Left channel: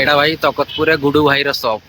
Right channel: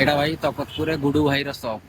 एटा भाई तकतपुर गुडू भाई रो शॉप।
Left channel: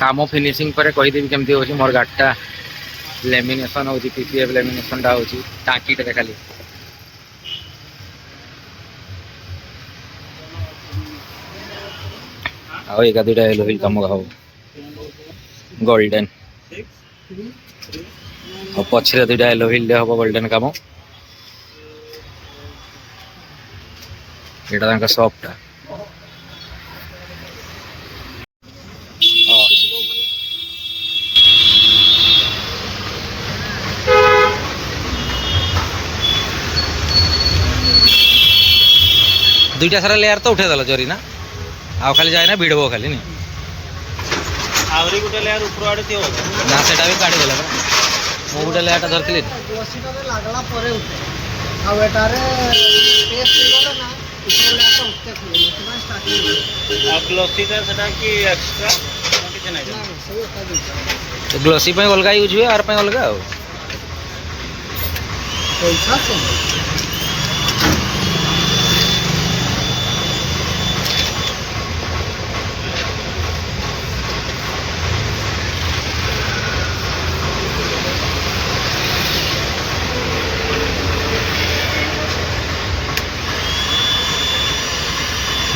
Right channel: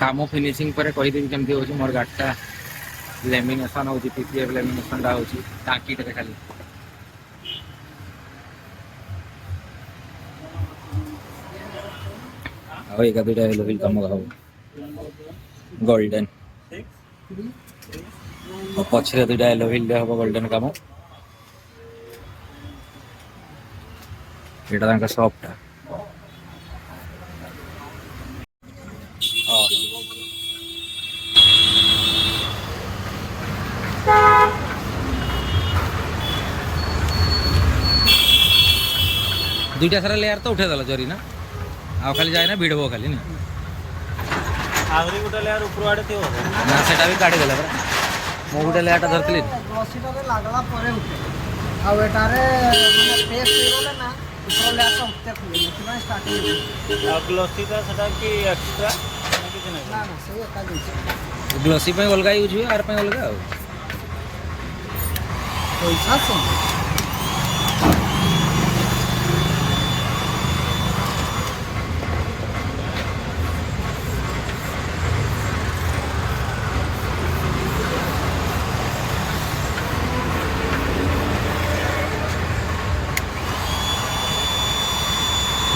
काम फिनिशिंग पर कहीदेवी केमती हो मोर गाड़ीटा लेमिनेशन हो पीपीएफ लेमिनेशन टा हो टाँकीटे खाली आओ एक दुटा एलोविल कम खाओ गोल्डन और पछरे दुटा एलोविल हम गोल्डन कम यहाँ सॉफ्टा दुईटा सारा लेयर तो उठे जरी ना आ खाली जाए ना भिड़ब खाली नहीं ना से भी काढ़ी देला मु गोटे लेयरटा धरती ग्लोसी अलग यूज हुए आर अलग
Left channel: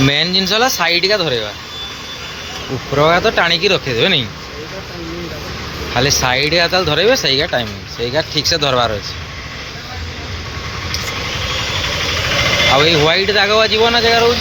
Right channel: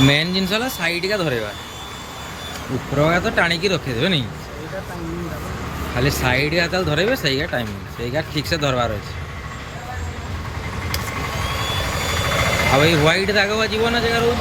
मेन जिनस साइड का धरेगा ऊपर का तो टाणिकी रखीदे नहीं खाली साइड का धरेबे सही टाइमिंग सही ठीक से धरबार अच्छे आ व्हाइट दाग जीव ना जगह रोज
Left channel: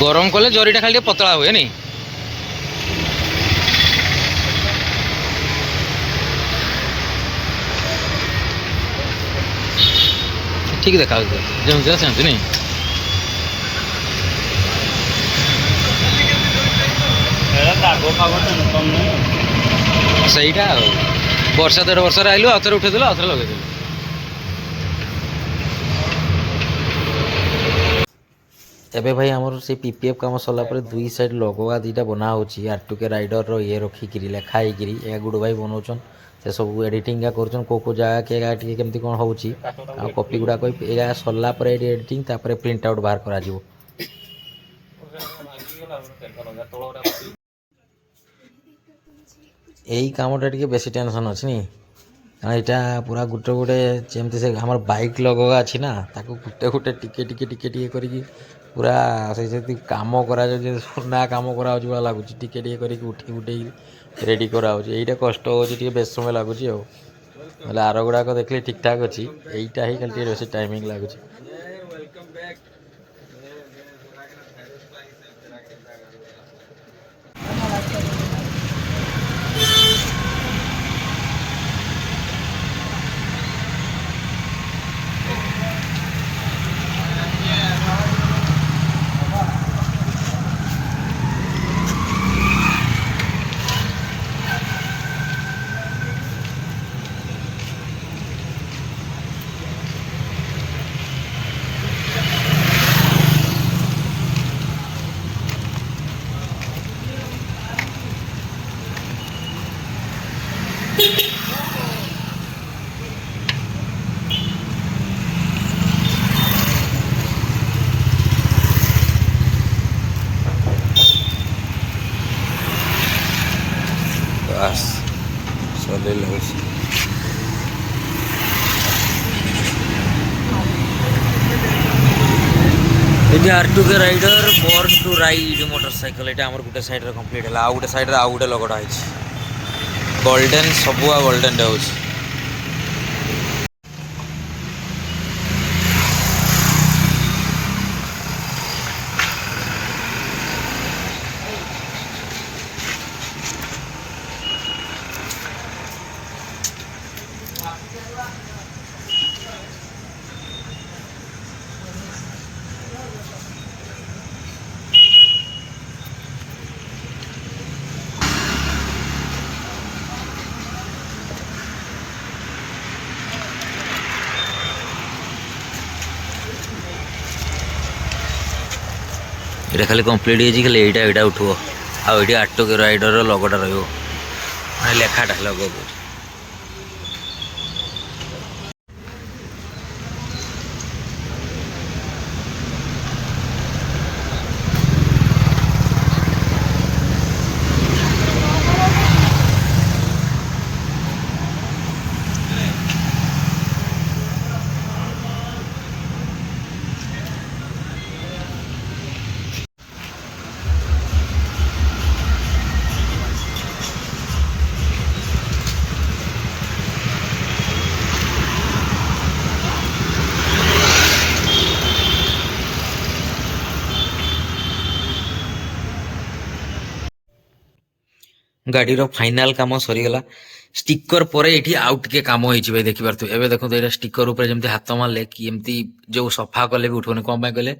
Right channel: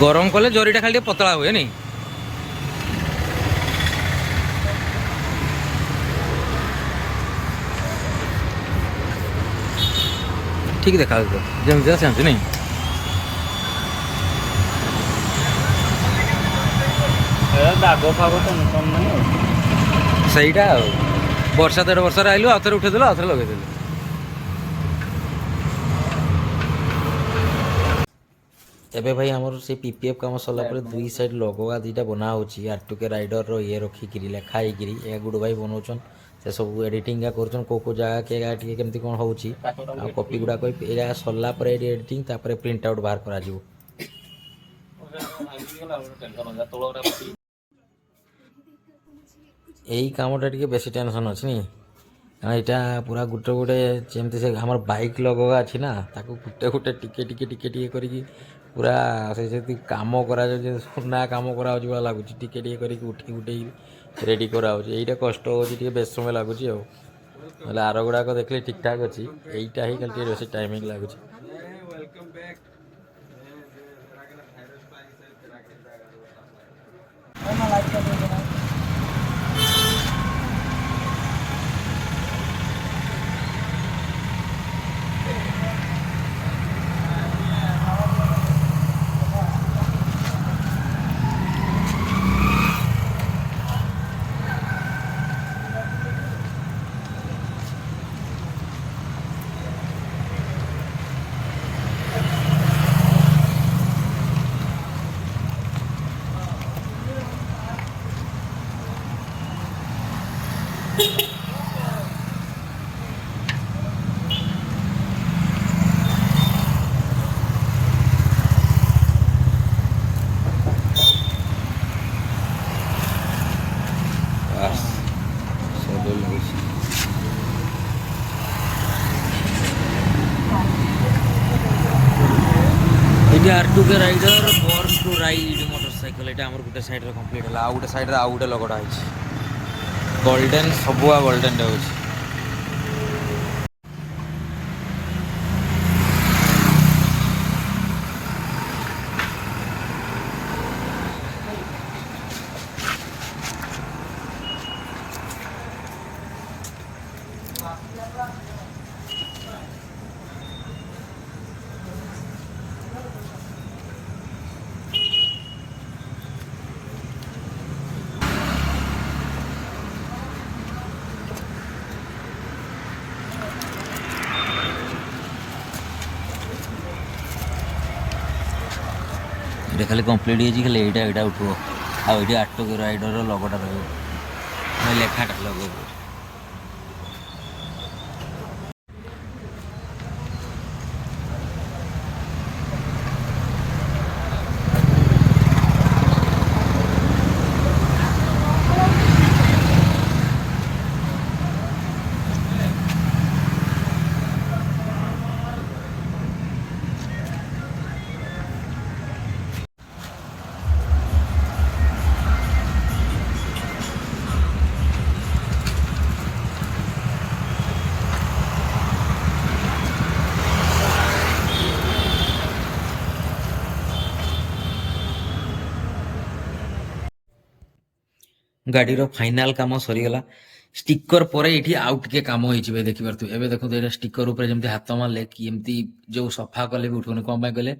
गरम कले जरीटा खाली पतला हुए नहीं ठीक देखा जमी सेमती नहीं सहीटा वर्षा 1.5 वर्ष आइलु आउ थे उठेदेलु आउ थे लगेदेलु एबे भाई आमर से पीपीएफ काम सरला पर दुई साइड लोगोगा दीटा बना होची आर2के राइडर रो ये रखिकी लेखाई ए गुडू भाई बनाउछन से सब एडिटिंग का करछन को जगह के टिके केमती कोन होची आ कॉपी गुडा कोई एरा सरला पर एडिटिंग तापर प्रिंट आउट बाहर करा जिवो एई कामटा टिके बेसी टेंशन अछि नी यहाँ पूरा गोटे गोटे जमती से हमार बाइक लगोगा अच्छी ना ताको गोटे गोटे टिके टिके टिके टिके करी पूरा से काम करा सुना काम करा भाया लगुच टिके टिके करी उठी उठे रेडी करा यहीटा कष्ट हो बेस समय लगुच आर गुड़ाक देखले ठीक ठाक अच्छी यहीटा ही खाली बेस टाइमिंग लगुच ଏଠି R2K rider born to ride motorcycle ଏଇଟା ଆମର ଗୋଟେ ସାଇଡରେ କମ୍ପ୍ଲିଟ୍ ହେଲା। ଆଉ ଗୋଟେ ସାଇଡରେ ଆଉ ଗୋଟେ ଲଗଟା ହେଇଛି ଗୋଲ୍ଡେନ୍, ସବୁ ଗୋଲ୍ଡେନ୍ ହେଉଛି। এটা খালি কমপ্লিট ହେଇଛି, ଖାଲି ଏଇଟା ଉଠିବ। ଆଉ ଏଇଠି R2K ରାଇଡର ଲଗଟା ରହିବ, ମାନେ ଲେଖାଟା ଲଗ। ଗାଡ଼ିର ଫାଇନାଲ କାମ ସରିଗଲା। ଷ୍ଟିକର ପରେ ଏଠି ଆଉ ଟିକେ କାମ ହେଇଛି ଭାଇ, ଦେଖିପାରୁଥିବେ। ଏବେ ଦେଖନ୍ତୁ ଏଇଟା ଷ୍ଟିକର ଉପରେ ଯେମିତି ହାତ ମାରିଲେ କି ଏମିତି ଯୋଉ ସଫା କଲେ ବି ଉଠିବନି। କ'ଣ ପାଇଁ କହିଲେ,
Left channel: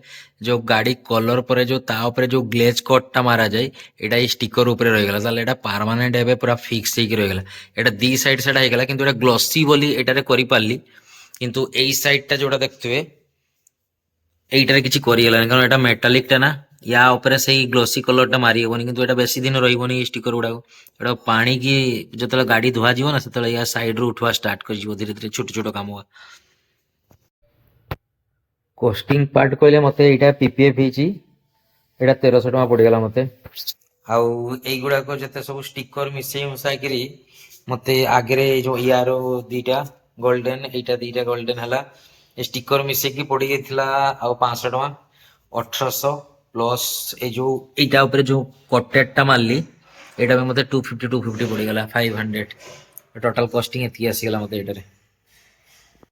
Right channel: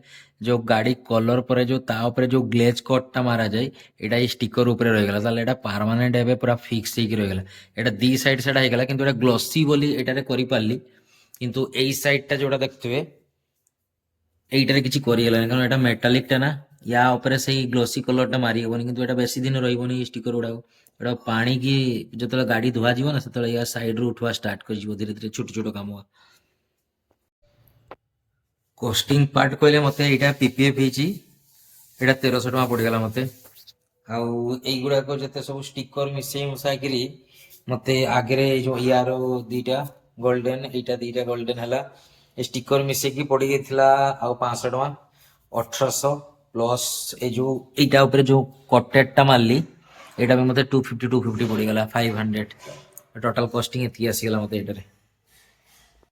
ଯୋଉ ଗାଡ଼ି କଲର ପରେ ଯୋଉ ତା ଉପରେ ଯୋଉ ଗ୍ଲେଜ କଟ୍ଟା ମାରାଯାଏ, ଏଇଟା ଏଇ ଷ୍ଟିକର ଉପରେ ରହିଗଲା। ତାହେଲେ ଏଇଟା ପାରମାନେଣ୍ଟ ଏବେ ପୁରା ଫିକ୍ସ ହେଇକି ରହିଗଲା। ଏଇଟା ଦି ସାଇଡ୍ ସେଟା ହେଇଗଲା, କିନ୍ତୁ ଏଇଟା ଗ୍ଲସି ବୋଲି ଏଇଟାରେ କରିପାରିଲି। କିନ୍ତୁ ଏଇ ସାଇଡ୍ଟା ଯୋଉଟା ଦେଖୁଥିବେ এইটারে কিছু করিগলানি, কারণ এটা মেটালিকটা না। ୟା ଉପରେ ସେଇ ଗ୍ଲୋସି କଲରଟା ମାରି ହେବନି, କିନ୍ତୁ ଏଇଟା ବେଶୀ ଦିନ ରହିବନି ଏଇ ଷ୍ଟିକର ଗୁଡ଼ାକ। ଏଇଟା ପାଣିକି ଯେତେବେଳେ ଗାଡ଼ି ଧୁଆଯିବ ନା, ସେତେବେଳେ ୟା ସାଇଡ୍ରୁ ଉଠିବା ଷ୍ଟାର୍ଟ କରିଯିବ ଧୀରେ ଧୀରେ, ଛୋଟ ଛୋଟ କାମ। କଷ୍ଟିଂ ପାର୍ଟ କହିଲେ ମୋତେ ଏଇଟା PPF ହେଇଛି, ଏଇଟା 1300 ଟଙ୍କା ପଡ଼ିଗଲା ମୋତେ। ଆଉ ଏଇଗୁଡ଼ାକ ଯେତେ ସବୁ ଷ୍ଟିକର ମିଶେଇ ମୁଶାଇକିରି ମୋତେ ଆଗରେ ଏଇ ଯେଉଁ ୟାର ଦୁଇଟା ଗୋଲ୍ଡେନ୍, ଏଇଟା ଦୁଇଟା ଗୋଲ୍ଡେନ୍ ହେଲା। ଏ ଷ୍ଟିକର ମିଶେଇକି ପଡ଼ିଯାଇଥିଲା ଆଉ 500 ଟଙ୍କା, 1800 ପ୍ଲସ୍ ଏଇ ଯେଉଁ ଏଇଟା ଉପରେ ଯେଉଁ କଟେଡ଼ଟା ମାରିଲି, ଏଇଟା ବି ମୋତେ 250 ପଡ଼ିଗଲା, 500। ଟୋଟାଲ୍ କଷ୍ଟିଂ ଏତିକି ଆସିଗଲା ମୋତେ ଏଇଟାରେ।